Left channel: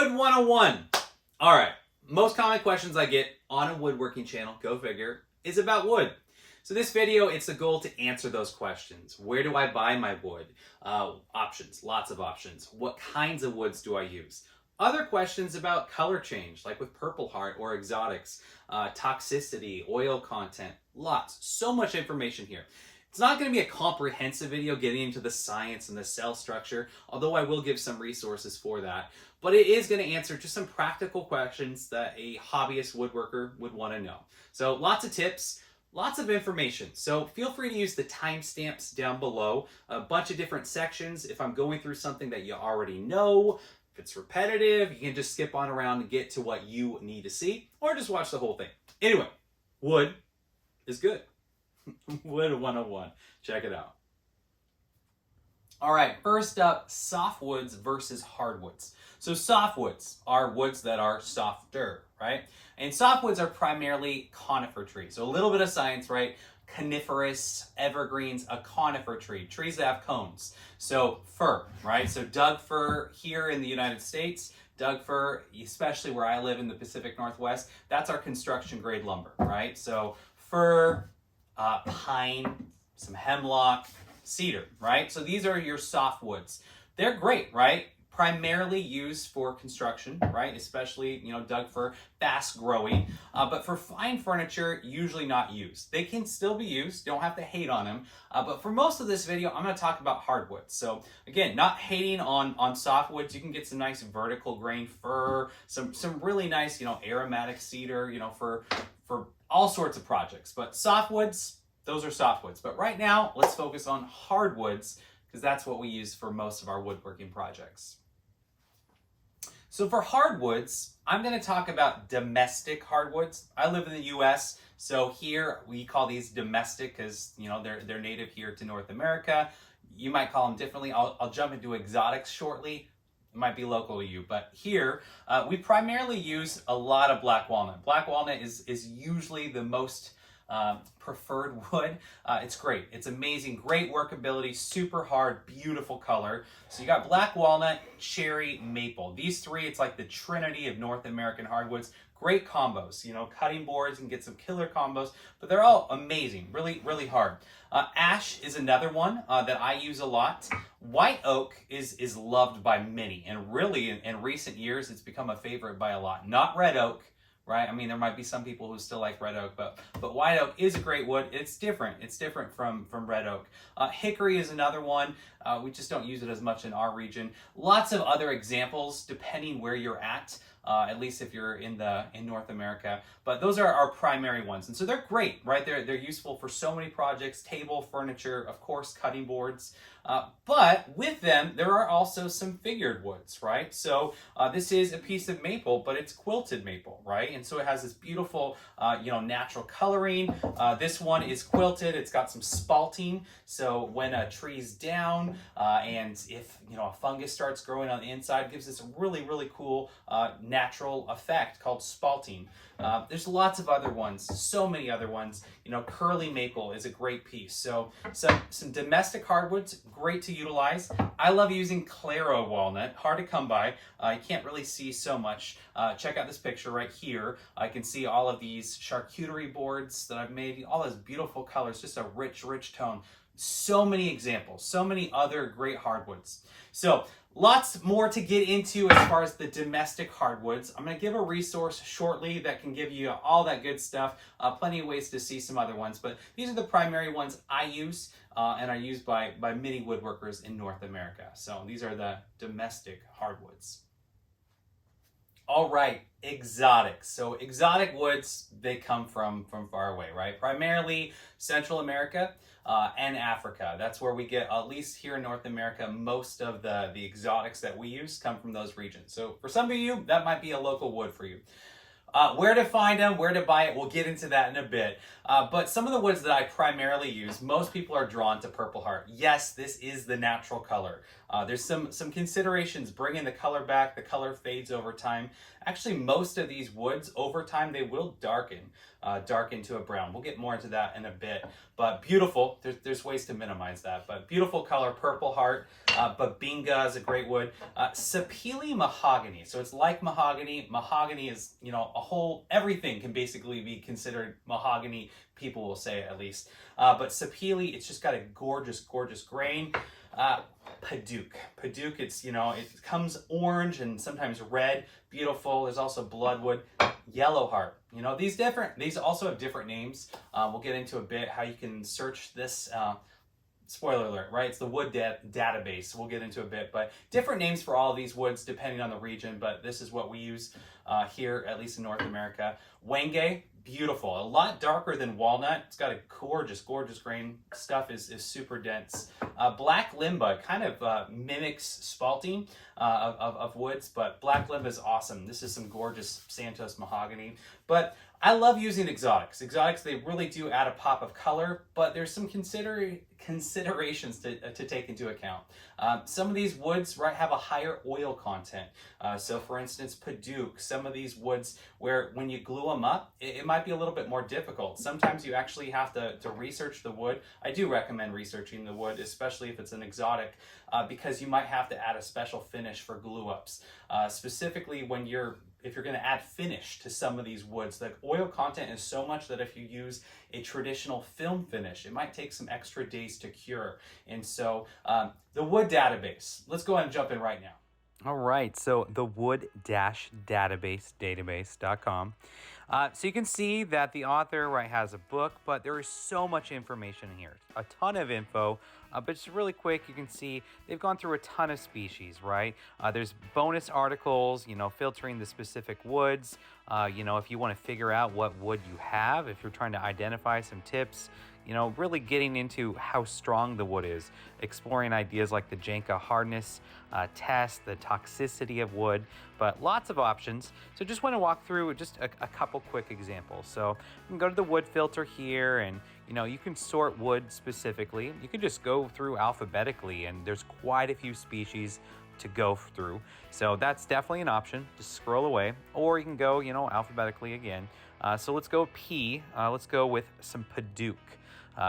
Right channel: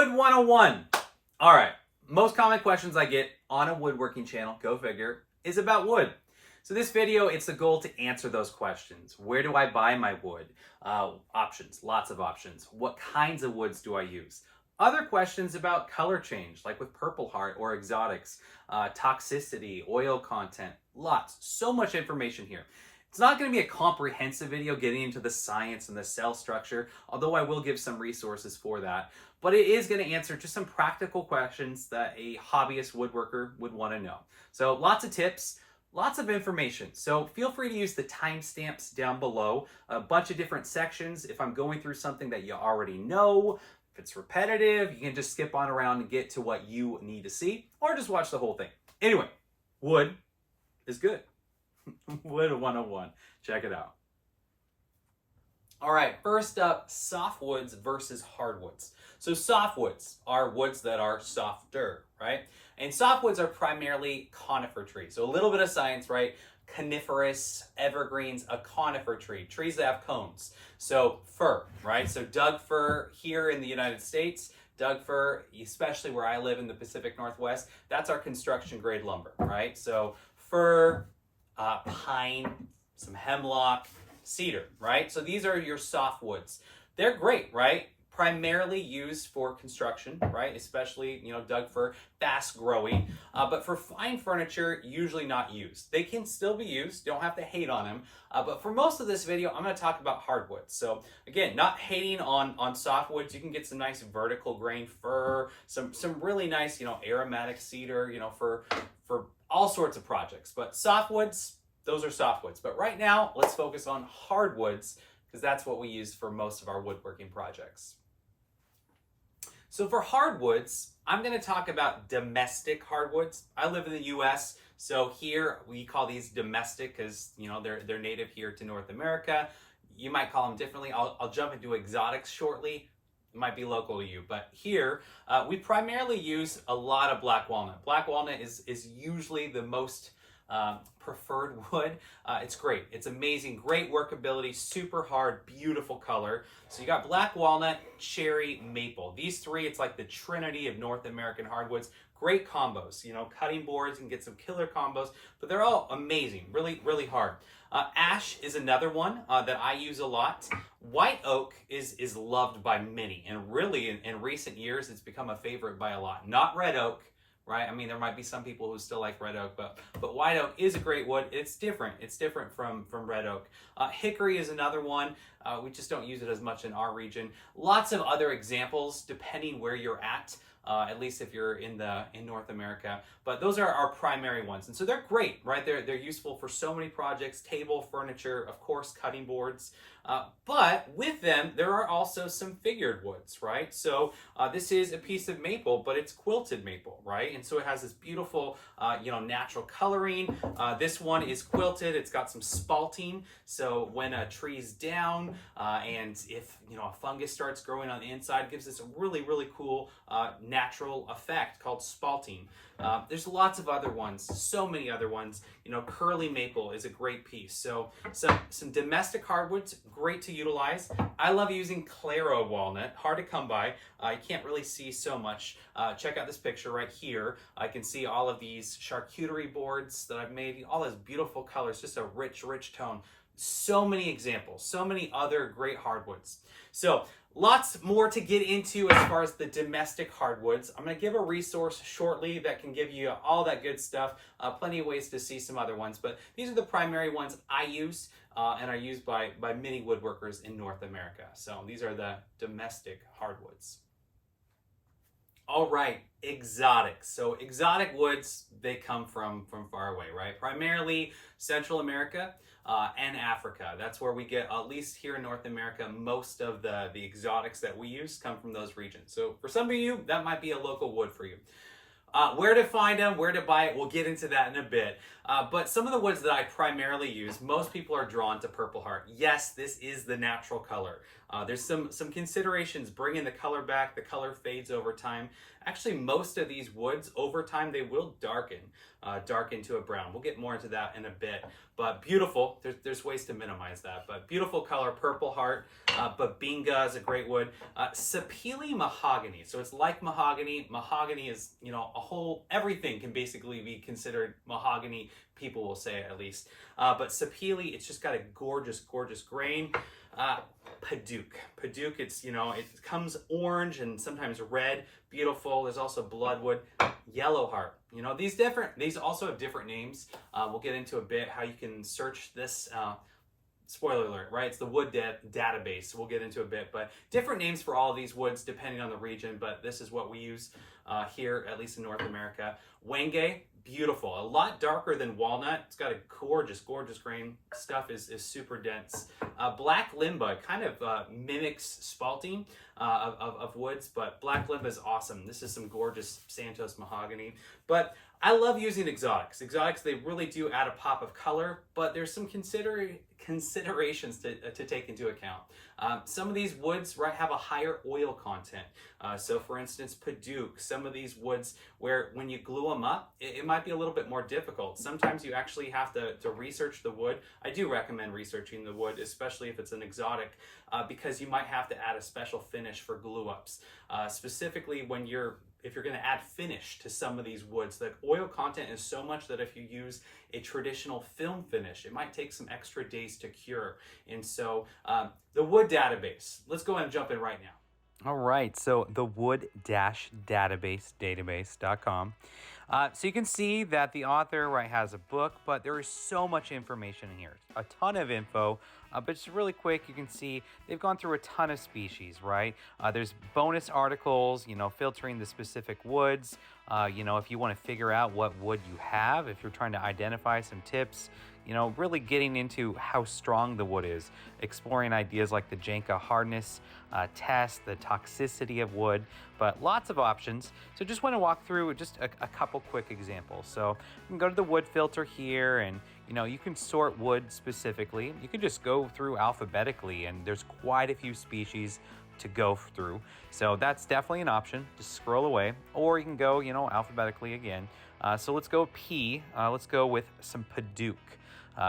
Wood 101. All right, most common questions I get on a woodworking channel, go figure, is about wood. So this video, it's the goal to answer those questions. Where do I buy my wood? Options, lots of options. What kinds of woods do I use? Other questions about color change, like with Purple Heart or exotics, toxicity, oil content, lots, so much information here. It's not going to be a comprehensive video getting into the science and the cell structure, although I will give some resources for that. But it is going to answer just some practical questions that a hobbyist woodworker would want to know. So lots of tips, lots of information. So feel free to use the timestamps down below, a bunch of different sections. If I'm going through something that you already know, if it's repetitive, you can just skip on around and get to what you need to see, or just watch the whole thing. Anyway, wood is good. Wood 101. Check it out. All right, first up, softwoods versus hardwoods. So softwoods are woods that are softer, right? And softwoods are primarily conifer trees. So a little bit of science, right? Coniferous, evergreens, a conifer tree, trees that have cones. So fir, right? So Doug fir here in the United States, Doug fir, especially where I live in the Pacific Northwest, that's our construction grade lumber, right? So fir, pine, some hemlock, cedar, right? So these are your softwoods. They're great, right? Primarily used for construction, right? Especially, Doug fir, fast growing. But for fine furniture, usually not used. They can still be used, don't have to hate on them. But for most of this video, I'm gonna talk about hardwoods. So again, not hating on softwoods. You can get some nice vertical grain fir, some really nice, aromatic cedar, for all sorts of projects. But softwoods, those are softwoods. But right now, let's focus on hardwoods because that's what we use for most of our woodworking projects. So for hardwoods, I'm going to talk about domestic hardwoods. I live in the US, so here we call these domestic because, they're native here to North America. You might call them differently. I'll jump into exotics shortly. It might be local to you, but here we primarily use a lot of black walnut. Black walnut is usually the most preferred wood. It's great. It's amazing. Great workability, super hard, beautiful color. So you got black walnut, cherry, maple. These three, it's like the trinity of North American hardwoods. Great combos. Cutting boards and get some killer combos, but they're all amazing. Really, really hard. Ash is another one that I use a lot. White oak is loved by many, and really in recent years, it's become a favorite by a lot. Not red oak, right? I mean, there might be some people who still like red oak, but white oak is a great wood. It's different. It's different from red oak. Hickory is another one. We just don't use it as much in our region. Lots of other examples depending where you're at least if you're in North America. But those are our primary ones. And so they're great, right? They're useful for so many projects, table, furniture, of course, cutting boards. But with them, there are also some figured woods, right? So this is a piece of maple, but it's quilted maple, right? And so it has this beautiful, natural coloring. This one is quilted. It's got some spalting. So when a tree's down and if, a fungus starts growing on the inside, it gives this a really, really cool natural effect called spalting. There's lots of other ones, so many other ones. Curly maple is a great piece. So some domestic hardwoods, great to utilize. I love using Claro walnut, hard to come by. You can't really see so much. Check out this picture right here. I can see all of these charcuterie boards that I've made, all those beautiful colors, just a rich, rich tone. So many examples, so many other great hardwoods. So lots more to get into as far as the domestic hardwoods. I'm going to give a resource shortly that can give you all that good stuff. Plenty of ways to see some other ones, but these are the primary ones I use and are used by many woodworkers in North America. So these are the domestic hardwoods. All right, exotics. So exotic woods, they come from far away, right? Primarily Central America and Africa. That's where we get, at least here in North America, most of the exotics that we use come from those regions. So for some of you, that might be a local wood for you. Where to find them, where to buy it, we'll get into that in a bit. But some of the woods that I primarily use, most people are drawn to Purple Heart. Yes, this is the natural color. There's some considerations bringing the color back. The color fades over time. Actually, most of these woods over time they will darken to a brown. We'll get more into that in a bit. But beautiful. There's ways to minimize that. But beautiful color, Purple Heart. Babinga is a great wood. Sapele mahogany. So it's like mahogany. Mahogany is, you know, everything can basically be considered mahogany. People will say at least. But sapele, it's just got a gorgeous, gorgeous grain. Padauk. Padauk, it's, you know, it comes orange and sometimes red. Beautiful. There's also bloodwood. Yellow heart. You know, these also have different names. We'll get into a bit how you can search this. Spoiler alert, right? It's the wood database. We'll get into a bit, but different names for all of these woods depending on the region, but this is what we use here, at least in North America. Wenge, beautiful. A lot darker than walnut. It's got a gorgeous, gorgeous grain. Stuff is super dense. Black limba kind of mimics spalting of woods, but black limba is awesome. This is some gorgeous Santos mahogany. But I love using exotics. Exotics, they really do add a pop of color, but there's some considerations to take into account. Some of these woods, right, have a higher oil content. So for instance, Padauk, some of these woods where when you glue them up, it might be a little bit more difficult. Sometimes you actually have to research the wood. I do recommend researching the wood, especially if it's an exotic, because you might have to add a special finish for glue ups. Specifically if you're going to add finish to some of these woods, the oil content is so much that if you use a traditional film finish, it might take some extra days to cure. And so the wood database, let's go ahead and jump in right now. All right, so the wood-database.com. So you can see that the author, right, has a book, but there is so much information in here. A ton of info, but just really quick, you can see they've gone through a ton of species, right? There's bonus articles, you know, filtering the specific woods. You know, if you want to figure out what wood you have, if you're trying to identify some tips, you know, really getting into how strong the wood is, exploring ideas like the Janka hardness test, the toxicity of wood, but lots of options. So just want to walk through just a couple quick examples. So you can go to the wood filter here and, you know, you can sort wood specifically. You can just go through alphabetically and there's quite a few species to go through. So that's definitely an option. Just scroll away, or you can go, you know, alphabetically again. So let's go P. Let's go with some Padauk.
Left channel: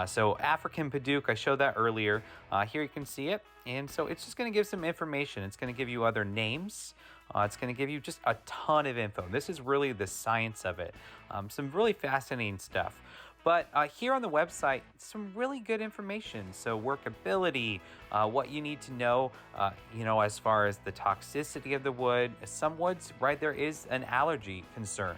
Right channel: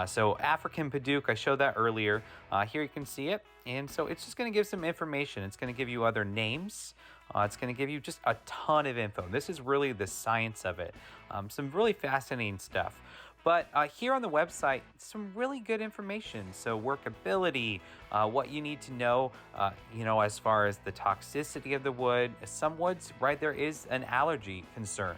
So African Padauk, I showed that earlier. Here you can see it. And so it's just going to give some information. It's going to give you other names. It's going to give you just a ton of info. This is really the science of it. Some really fascinating stuff. But here on the website, some really good information. So workability, what you need to know, you know, as far as the toxicity of the wood. Some woods, right, there is an allergy concern.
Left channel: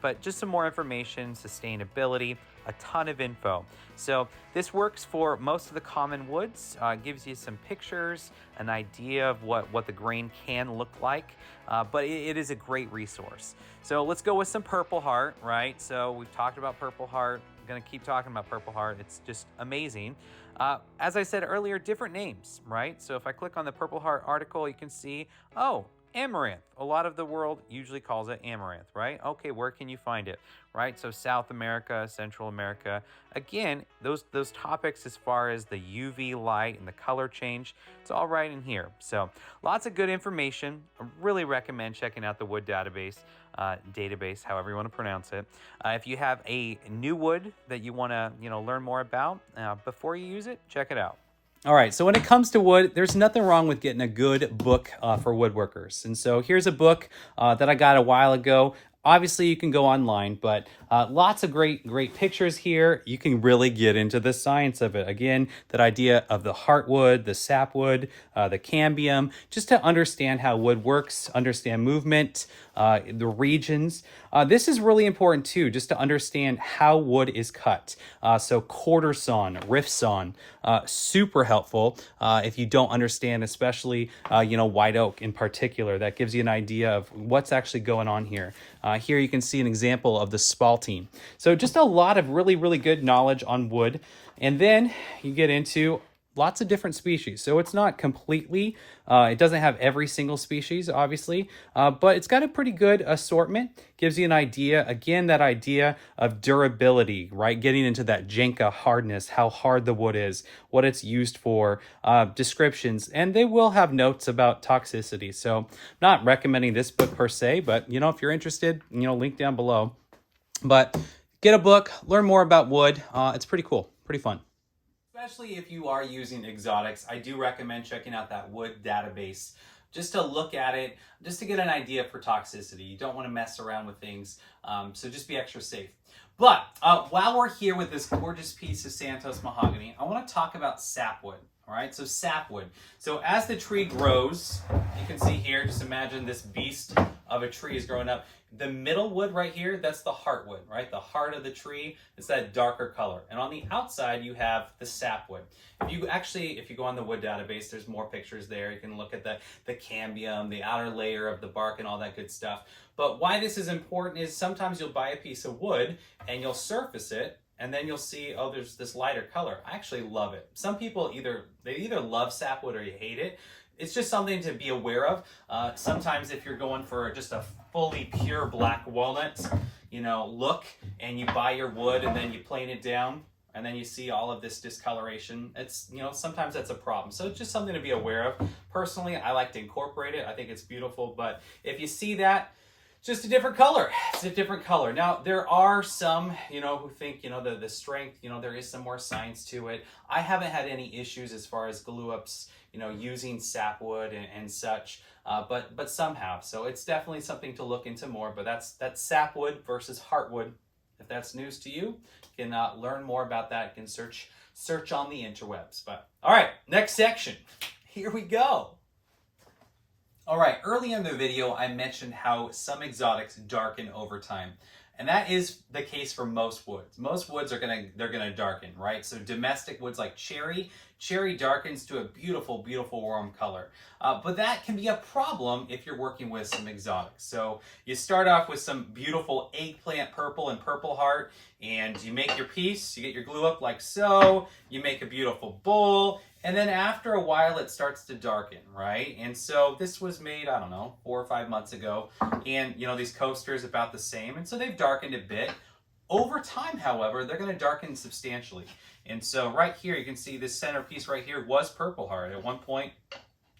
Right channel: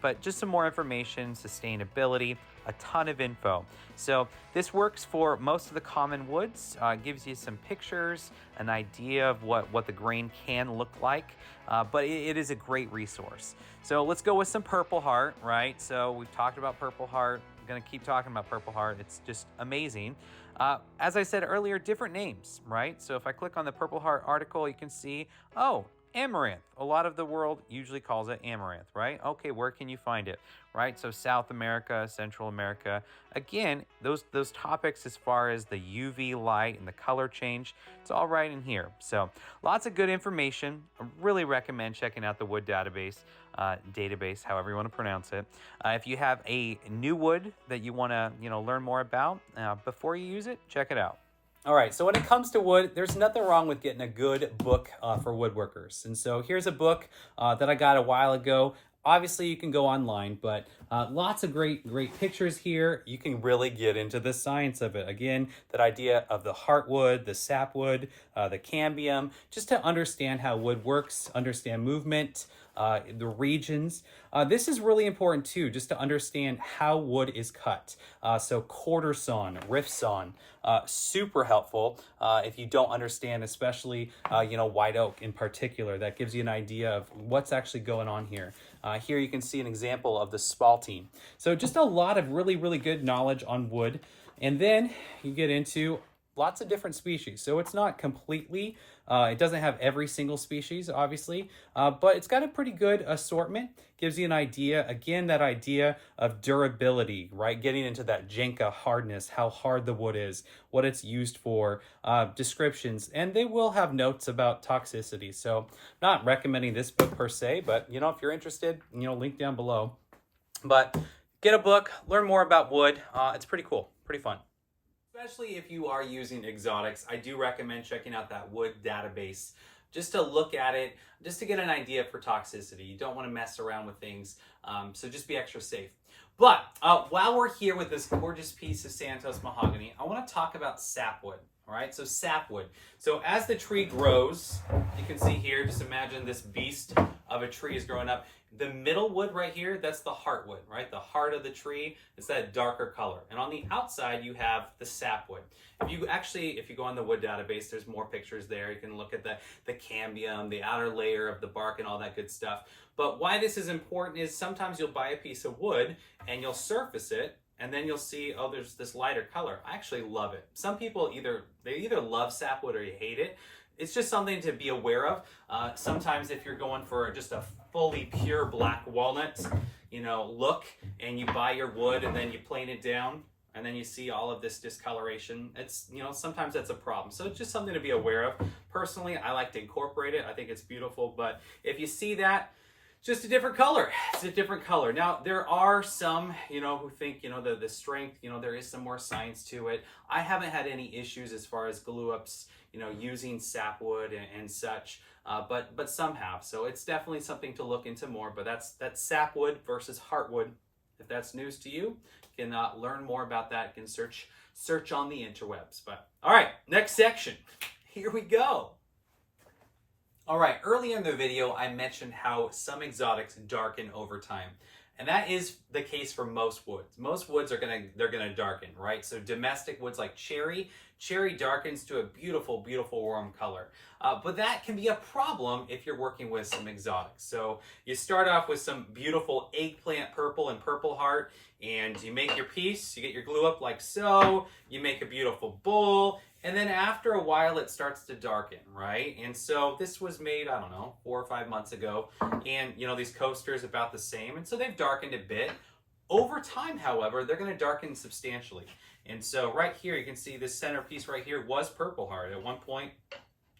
But just some more information, sustainability, a ton of info. So this works for most of the common woods, gives you some pictures, an idea of what the grain can look like, but it is a great resource. So let's go with some Purple Heart, right? So we've talked about Purple Heart. I'm going to keep talking about Purple Heart. It's just amazing. As I said earlier, different names, right? So if I click on the Purple Heart article, you can see, oh, amaranth. A lot of the world usually calls it amaranth, right? Okay, where can you find it, right? So South America, Central America. Again, those topics as far as the UV light and the color change, it's all right in here. So lots of good information. I really recommend checking out the wood database, however you want to pronounce it. If you have a new wood that you want to, you know, learn more about before you use it, check it out. All right, so when it comes to wood, there's nothing wrong with getting a good book for woodworkers. And so here's a book that I got a while ago. Obviously, you can go online, but lots of great pictures here. You can really get into the science of it. Again, that idea of the heartwood, the sapwood, the cambium, just to understand how wood works, understand movement, the regions. This is really important too, just to understand how wood is cut. So quarter sawn, rift sawn, super helpful if you don't understand, especially white oak in particular. That gives you an idea of what's actually going on here. Here you can see an example of the spalting. So just a lot of really good knowledge on wood. And then you get into lots of different species. So it's not completely, it doesn't have every single species, obviously, but it's got a pretty good assortment. Gives you an idea, again, that idea of durability, right? Getting into that Jenga hardness, how hard the wood is, what it's used for, descriptions, and they will have notes about toxicity. So not recommending this book per se, but you know, if you're interested, you know, link down below. But get a book, learn more about wood. It's pretty cool, pretty fun. Especially if you are using exotics, I do recommend checking out that wood database just to look at it, just to get an idea for toxicity. You don't want to mess around with things, so just be extra safe. But while we're here with this gorgeous piece of Santos mahogany, I want to talk about sapwood. All right, so sapwood. So as the tree grows, you can see here, just imagine this beast of a tree is growing up. The middle wood right here, that's the heartwood, right? The heart of the tree, it's that darker color. And on the outside, you have the sapwood. If you go on the wood database, there's more pictures there. You can look at the cambium, the outer layer of the bark and all that good stuff. But why this is important is sometimes you'll buy a piece of wood and you'll surface it, and then you'll see, oh, there's this lighter color. I actually love it. Some people either love sapwood or you hate it. It's just something to be aware of. Sometimes if you're going for just a fully pure black walnut, you know, look, and you buy your wood and then you plane it down, and then you see all of this discoloration, it's, you know, sometimes that's a problem. So it's just something to be aware of. Personally, I like to incorporate it. I think it's beautiful, but if you see that, just a different color. It's a different color. Now, there are some, you know, who think, you know, the strength, you know, there is some more science to it. I haven't had any issues as far as glue ups, you know, using sapwood and such, but some have. So it's definitely something to look into more, but that's sapwood versus heartwood. If that's news to you, you can learn more about that. You can search on the interwebs. But all right, next section. Here we go. All right, early in the video, I mentioned how some exotics darken over time. And that is the case for most woods. Most woods they're gonna darken, right? So domestic woods like cherry darkens to a beautiful, beautiful warm color. But that can be a problem if you're working with some exotics. So you start off with some beautiful eggplant purple and purple heart, and you make your piece, you get your glue up like so, you make a beautiful bowl, and then after a while it starts to darken, right? And so this was made, I don't know, 4 or 5 months ago, and you know, these coasters about the same, and so they've darkened a bit. Over time, however, they're going to darken substantially. And so right here, you can see this centerpiece right here was purple heart. At one point,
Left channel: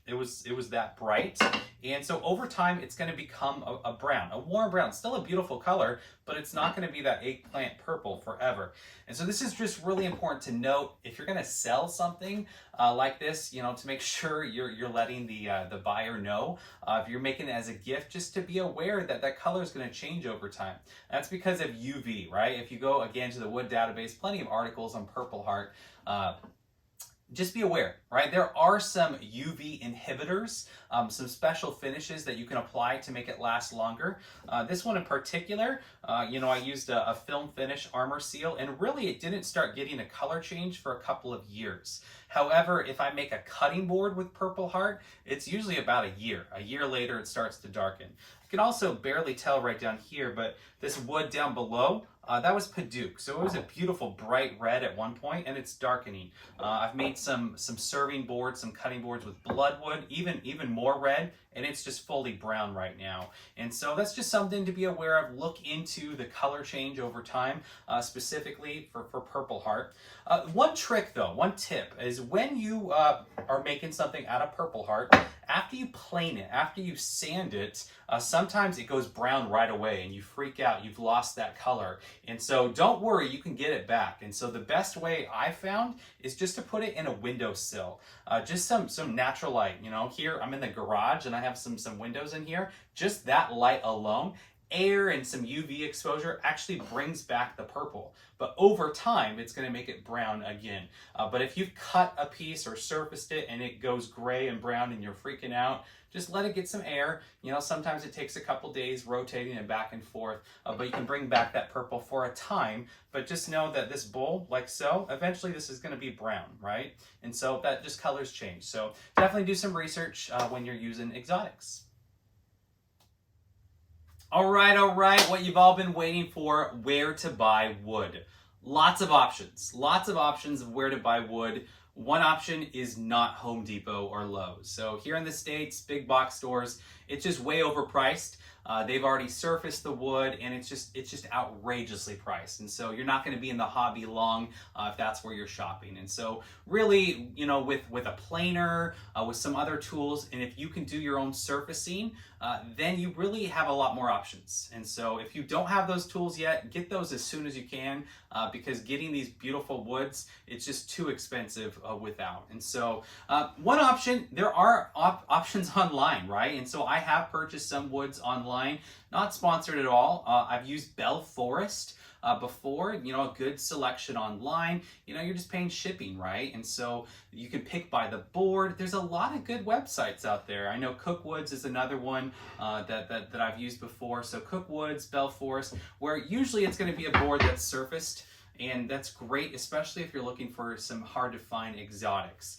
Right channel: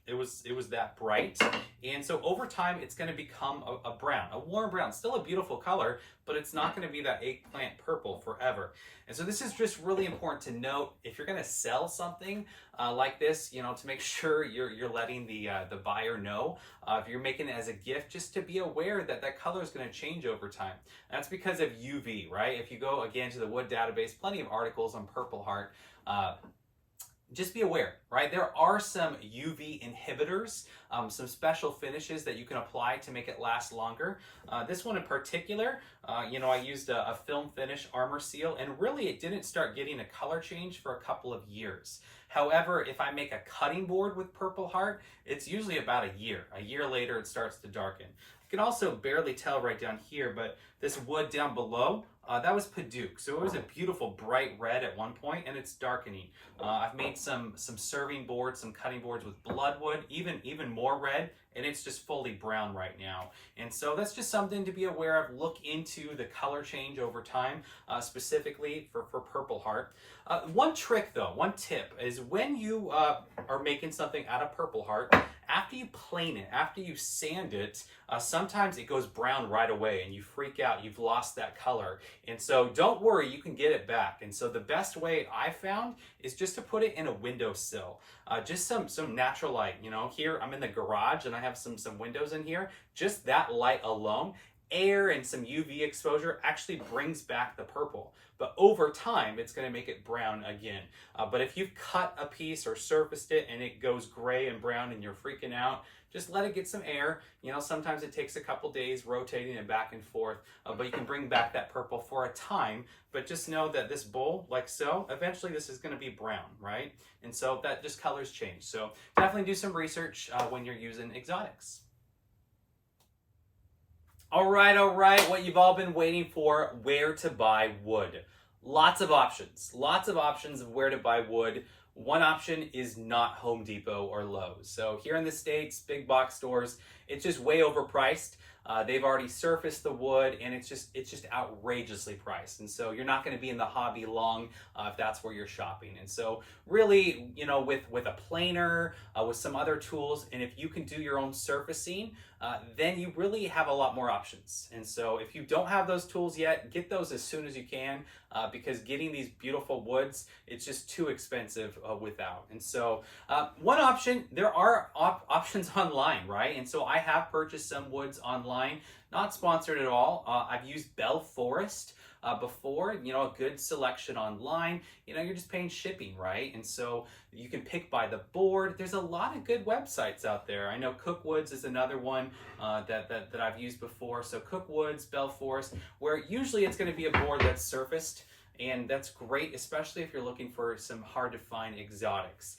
it was that bright. And so over time, it's going to become a brown, a warm brown, still a beautiful color, but it's not going to be that eggplant purple forever. And so this is just really important to note if you're going to sell something like this, you know, to make sure you're letting the buyer know. If you're making it as a gift, just to be aware that that color is going to change over time. That's because of UV, right? If you go again to the wood database, plenty of articles on purple heart. Just be aware, right? There are some UV inhibitors, some special finishes that you can apply to make it last longer. This one in particular, you know, I used a film finish armor seal, and really it didn't start getting a color change for a couple of years. However, if I make a cutting board with purple heart, it's usually about a year. A year later, it starts to darken. You can also barely tell right down here, but this wood down below, that was Paduke. So it was a beautiful bright red at one point, and it's darkening. I've made some serving boards, some cutting boards with bloodwood, even more red, and it's just fully brown right now. And so that's just something to be aware of. Look into the color change over time, specifically for purple heart. One trick though, one tip is when you are making something out of purple heart, after you plane it, after you sand it, sometimes it goes brown right away and you freak out, you've lost that color. And so don't worry, you can get it back. And so the best way I found is just to put it in a windowsill. Just some natural light, you know, here I'm in the garage and I have some windows in here. Just that light alone, air and some UV exposure actually brings back the purple. But over time, it's gonna make it brown again. But if you've cut a piece or surfaced it and it goes gray and brown and you're freaking out, just let it get some air. You know, sometimes it takes a couple days rotating it back and forth, but you can bring back that purple for a time. But just know that this bowl, like so, eventually this is gonna be brown, right? And so that just colors change. So definitely do some research when you're using exotics. All right, what you've all been waiting for, where to buy wood. Lots of options of where to buy wood. One option is not Home Depot or Lowe's. So here in the States, big box stores, it's just way overpriced. They've already surfaced the wood, and it's just outrageously priced. And so you're not going to be in the hobby long if that's where you're shopping. And so really, you know, with a planer, with some other tools, and if you can do your own surfacing, then you really have a lot more options. And so if you don't have those tools yet, get those as soon as you can, because getting these beautiful woods, it's just too expensive without. And so one option, there are options online, right? And so I have purchased some woods online, not sponsored at all. I've used Bell Forest before, you know, a good selection online. You know, you're just paying shipping, right? And so you can pick by the board. There's a lot of good websites out there. I know Cookwoods is another one that I've used before. So Cookwoods, Bell Forest, where usually it's going to be a board that's surfaced, and that's great, especially if you're looking for some hard to find exotics.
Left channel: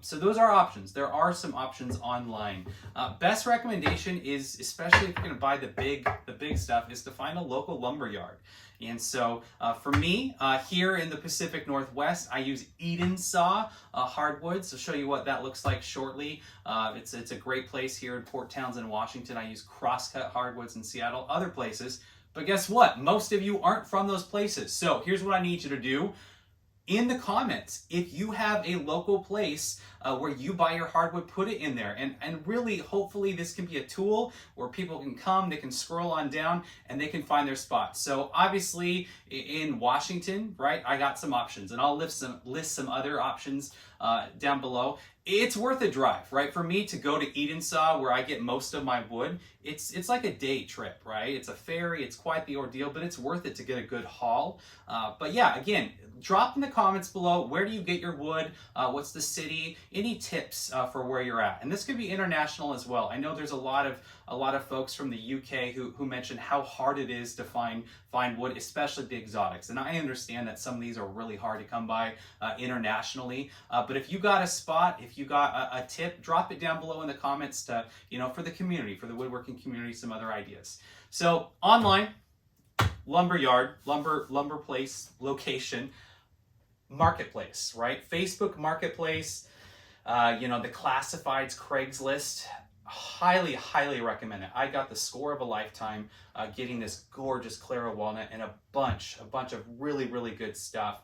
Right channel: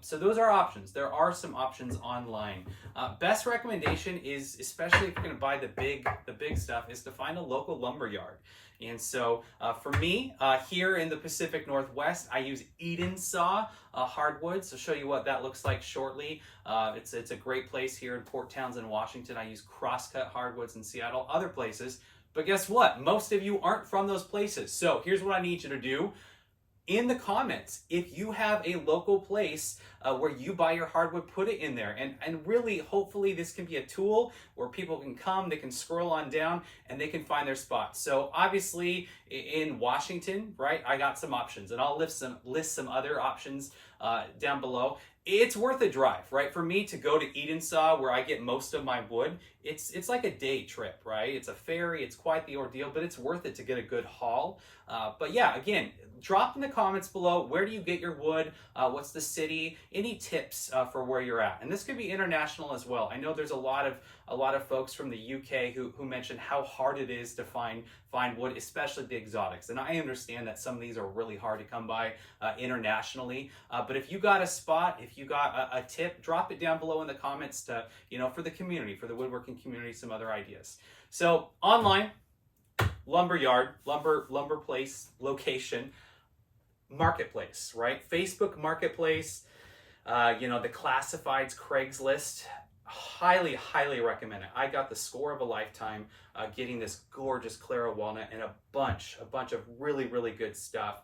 So those are options. There are some options online. Best recommendation is, especially if you're going to buy the big stuff, is to find a local lumber yard. And so for me, here in the Pacific Northwest, I use Edensaw Hardwoods. I'll show you what that looks like shortly. It's a great place here in Port Townsend, Washington. I use Crosscut Hardwoods in Seattle, other places. But guess what? Most of you aren't from those places. So here's what I need you to do. In the comments, if you have a local place where you buy your hardwood, put it in there. And really, hopefully, this can be a tool where people can come, they can scroll on down, and they can find their spot. So obviously, in Washington, right, I got some options, and I'll list some other options down below. It's worth a drive, right? For me to go to Edensaw, where I get most of my wood, it's like a day trip, right? It's a ferry, it's quite the ordeal, but it's worth it to get a good haul. But yeah, again, drop in the comments below, where do you get your wood? What's the city? Any tips for where you're at? And this could be international as well. I know there's a lot of folks from the UK who mention how hard it is to find wood, especially the exotics. And I understand that some of these are really hard to come by internationally. But if you got a spot, if you got a tip, drop it down below in the comments to, you know, for the community, for the woodworking community, some other ideas. So online, lumber yard, lumber place, location, marketplace, right? Facebook Marketplace, you know, the classifieds, Craigslist. Highly recommend it. I got the score of a lifetime getting this gorgeous Clara walnut and a bunch of really good stuff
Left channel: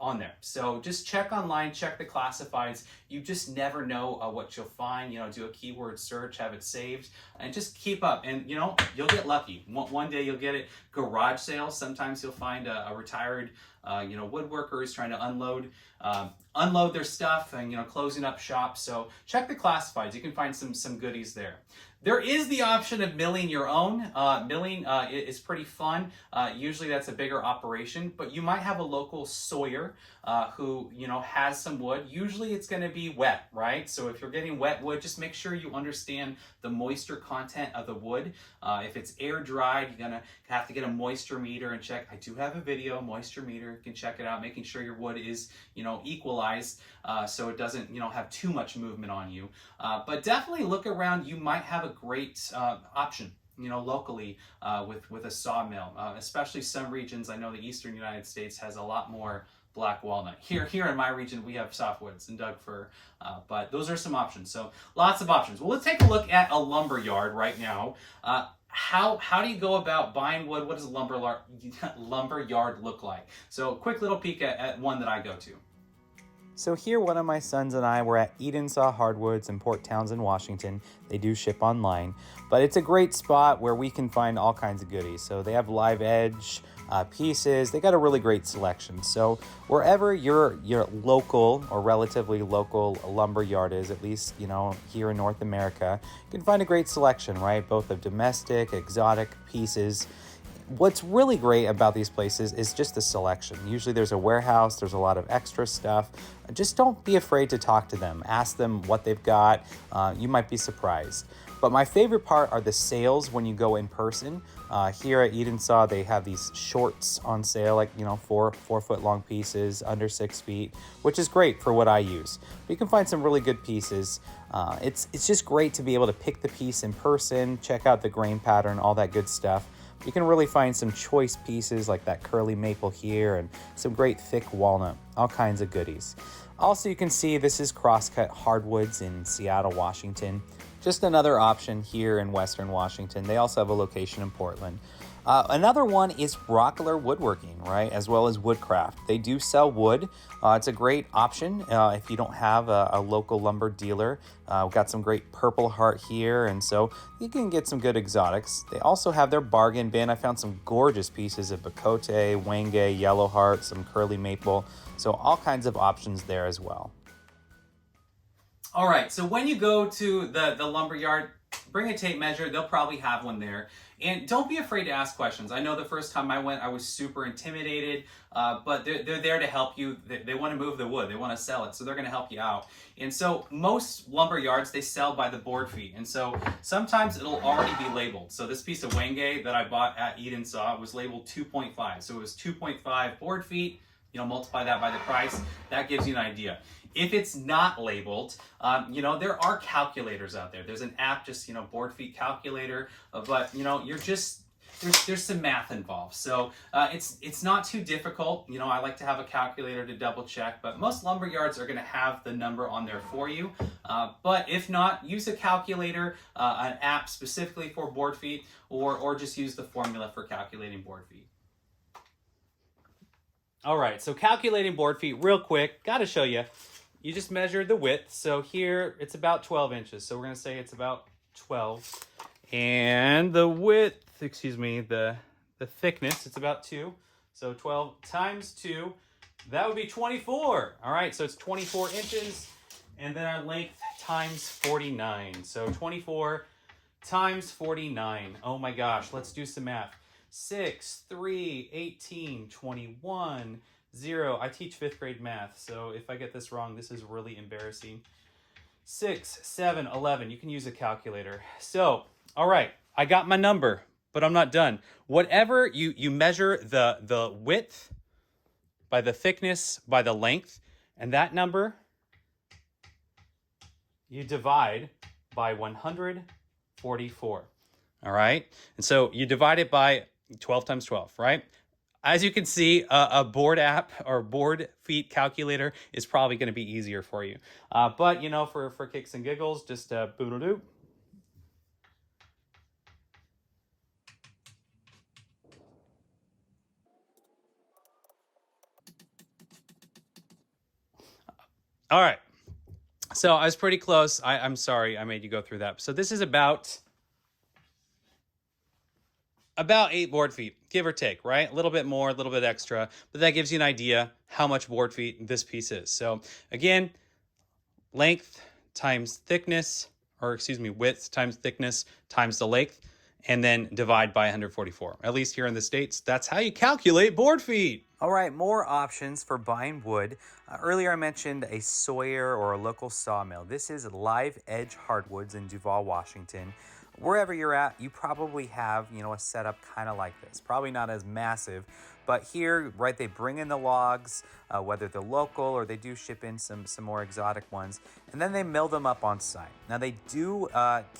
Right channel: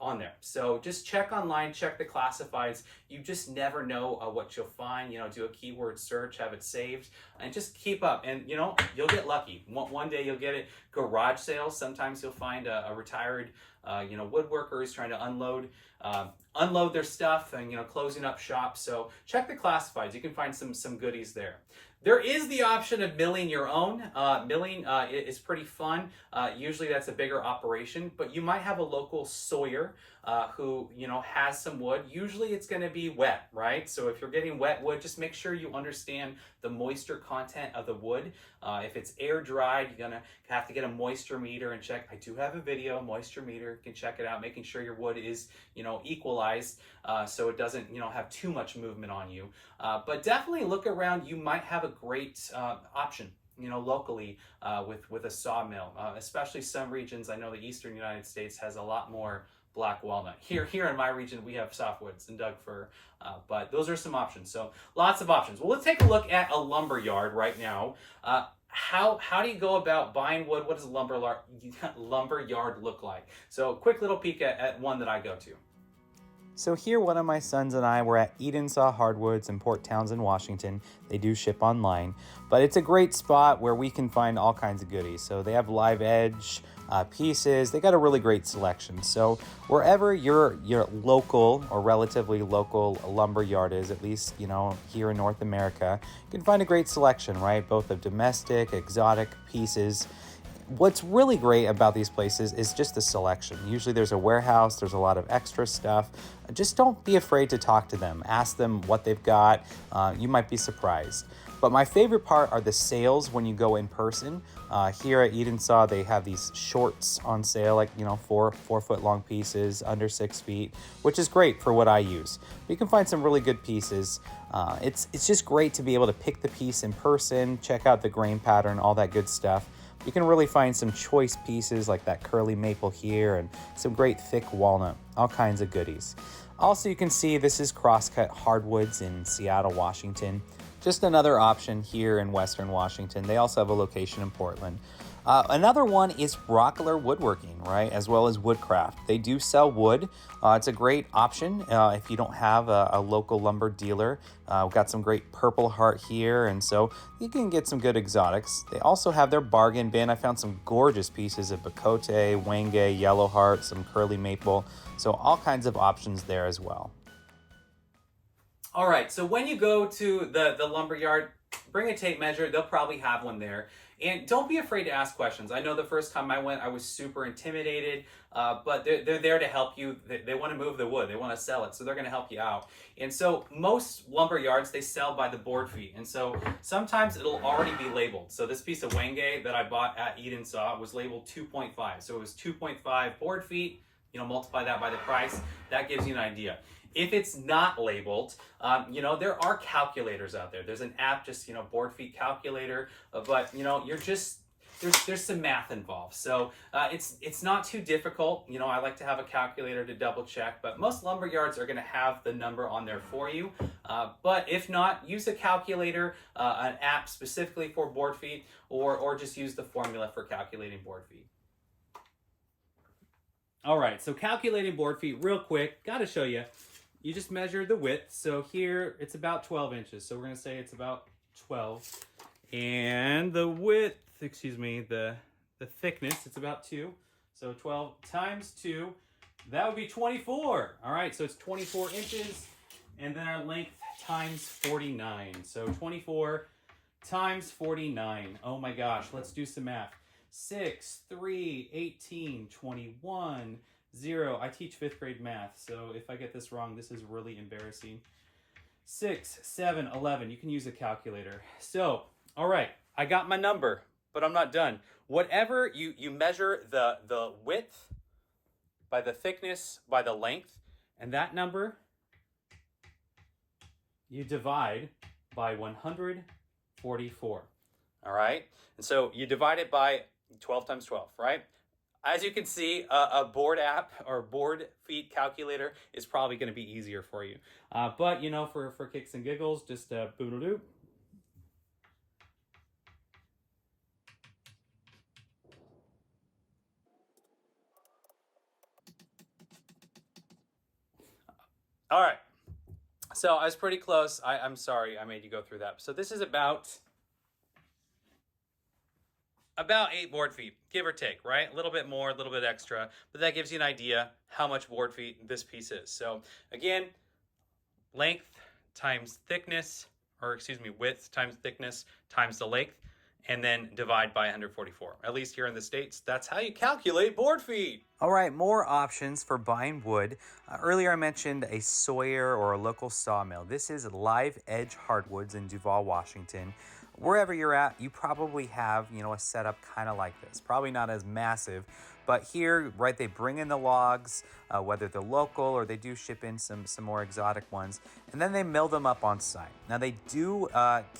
on there. So just check online, check the classifieds. You just never know what you'll find. You know, do a keyword search, have it saved, and just keep up. And you know, you'll get lucky. One day you'll get it. Garage sales. Sometimes you'll find a retired you know, woodworkers trying to unload their stuff and, you know, closing up shop. So check the classifieds. You can find some goodies there. There is the option of milling your own. Milling is pretty fun. Usually that's a bigger operation, but you might have a local sawyer who, you know, has some wood. Usually it's going to be wet, right? So if you're getting wet wood, just make sure you understand the moisture content of the wood. If it's air dried, you're going to have to get a moisture meter and check. I do have a video, moisture meter. You can check it out, making sure your wood is, you know, equalized so it doesn't, you know, have too much movement on you. But definitely look around. You might have a great option, you know, locally with a sawmill, especially some regions. I know the eastern United States has a lot more black walnut. Here in my region, we have softwoods and Doug fir, but those are some options. So lots of options. Well, let's take a look at a lumber yard right now. How do you go about buying wood? What does a lumber yard look like? So quick little peek at one that I go to. So here, one of my sons and I were at Edensaw Hardwoods in Port Townsend, Washington. They do ship online, but it's a great spot where we can find all kinds of goodies. So they have live edge pieces. They got a really great selection. So wherever your local or relatively local lumber yard is, at least, you know, here in North America, you can find a great selection, right? Both of domestic, exotic pieces. What's really great about these places is just the selection. Usually there's a warehouse, there's a lot of extra stuff. Just don't be afraid to talk to them. Ask them what they've got. You might be surprised. But my favorite part are the sales when you go in person. Here at Edensaw, they have these shorts on sale, like, you know, 4 foot long pieces, under 6 feet, which is great for what I use. But you can find some really good pieces. It's just great to be able to pick the piece in person, check out the grain pattern, all that good stuff. You can really find some choice pieces like that curly maple here and some great thick walnut, all kinds of goodies. Also, you can see this is Crosscut Hardwoods in Seattle, Washington. Just another option here in Western Washington. They also have a location in Portland. Another one is Rockler Woodworking, right? As well as Woodcraft. They do sell wood. It's a great option if you don't have a local lumber dealer. We've got some great Purple Heart here, and so you can get some good exotics. They also have their bargain bin. I found some gorgeous pieces of Bacote, Wenge, Yellow Heart, some Curly Maple. So all kinds of options there as well. All right, so when you go to the lumber yard, bring a tape measure. They'll probably have one there. And don't be afraid to ask questions. I know the first time I went, I was super intimidated, but they're there to help you. They want to move the wood. They want to sell it, so they're going to help you out. And so most lumber yards, they sell by the board feet. And so sometimes it'll already be labeled. So this piece of Wenge that I bought at Edensaw was labeled 2.5. So it was 2.5 board feet. You know, multiply that by the price. That gives you an idea. If it's not labeled, you know, there are calculators out there. There's an app, just, you know, board feet calculator, but, you know, you're just, there's some math involved. So it's not too difficult. You know, I like to have a calculator to double check, but most lumber yards are going to have the number on there for you. But if not, use a calculator, an app specifically for board feet, or just use the formula for calculating board feet. All right, so calculating board feet real quick, got to show you. You just measure the width. So here it's about 12 inches. So we're going to say it's about 12. And the width, excuse me, the thickness, it's about 2. So 12 times 2, that would be 24. All right, so it's 24 inches. And then our length times 49. So 24 times 49. Oh my gosh, let's do some math. 6, 3, 18, 21, 0. I teach 5th grade math, so if I get this wrong, this is really embarrassing. 6, 7, 11. You can use a calculator. So, all right, I got my number, but I'm not done. Whatever you measure the width by the thickness, by the length, and that number you divide by 144. All right? And so you divide it by 12 times 12, right? As you can see, a board app or board feet calculator is probably going to be easier for you. But, you know, for kicks and giggles, just boodle-doo. All right. So I was pretty close. I'm sorry I made you go through that. So this is about 8 board feet, give or take, right? A little bit more, a little bit extra, but that gives you an idea how much board feet this piece is. So again, length times thickness, or excuse me, width times thickness times the length, and then divide by 144. At least here in the States, that's how you calculate board feet. All right, more options for buying wood. Earlier I mentioned a Sawyer or a local sawmill. This is Live Edge Hardwoods in Duvall, Washington. Wherever you're at, you probably have, you know, a setup kind of like this. Probably not as massive, but here, right, they bring in the logs, whether they're local or they do ship in some more exotic ones, and then they mill them up on site. Now they do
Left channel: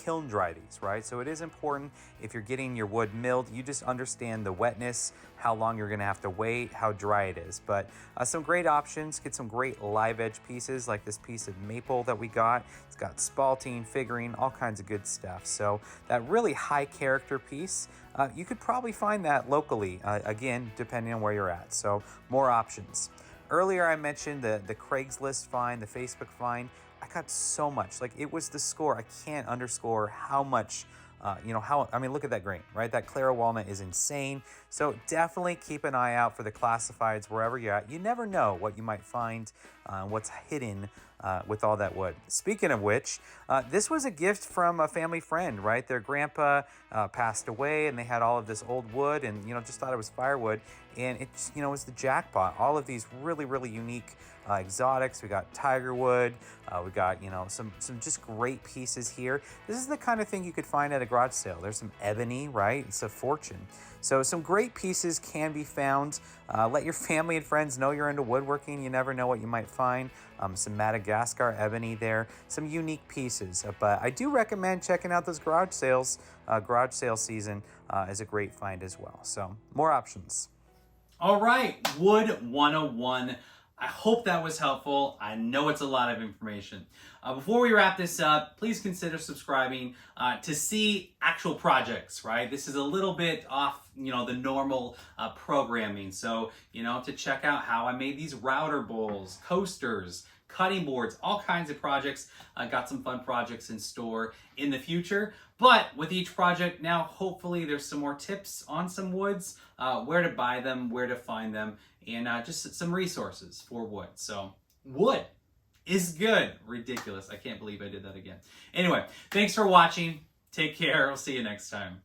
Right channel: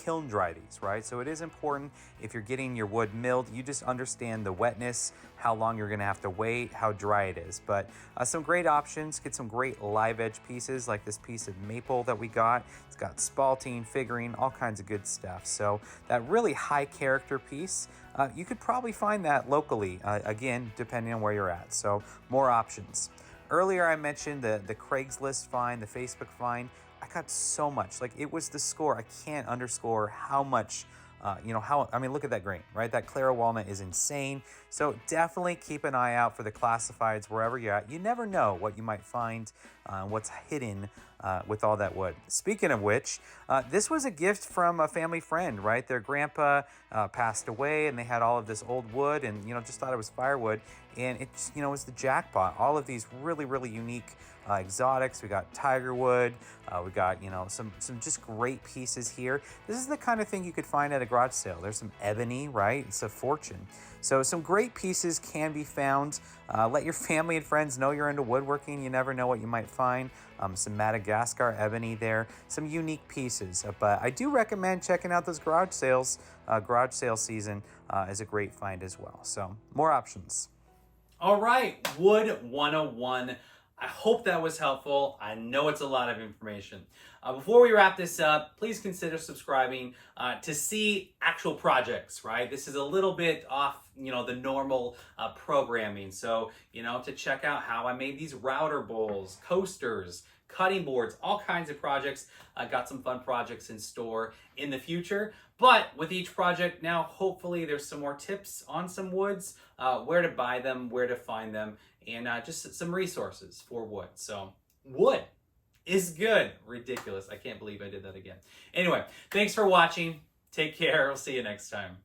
kiln dry these, right? So it is important if you're getting your wood milled, you just understand the wetness, how long you're gonna have to wait, how dry it is. But some great options, get some great live edge pieces like this piece of maple that we got. It's got spalting, figuring, all kinds of good stuff. So that really high character piece, you could probably find that locally, again, depending on where you're at. So more options. Earlier I mentioned the Craigslist find, the Facebook find. I got so much, like it was the score. I can't underscore how much, I mean, look at that grain, right? That Clara walnut is insane. So definitely keep an eye out for the classifieds wherever you're at. You never know what you might find, what's hidden with all that wood. Speaking of which, this was a gift from a family friend, right? Their grandpa passed away and they had all of this old wood and, just thought it was firewood. And it, was the jackpot. All of these really, really unique exotics. We got tiger wood. We got, some just great pieces here. This is the kind of thing you could find at a garage sale. There's some ebony, right? It's a fortune. So some great pieces can be found. Let your family and friends know you're into woodworking. You never know what you might find. Some Madagascar ebony there, some unique pieces. But I do recommend checking out those garage sales. Garage sale season is a great find as well. So more options. All right, Wood 101. I hope that was helpful. I know it's a lot of information. Before we wrap this up, please consider subscribing to see actual projects, right? This is a little bit off, the normal programming. So, to check out how I made these router bowls, coasters, cutting boards, all kinds of projects. I got some fun projects in store in the future. But with each project now, hopefully there's some more tips on some woods, where to buy them, where to find them, and just some resources for wood. So wood is good. Ridiculous. I can't believe I did that again. Anyway, thanks for watching. Take care. I'll see you next time.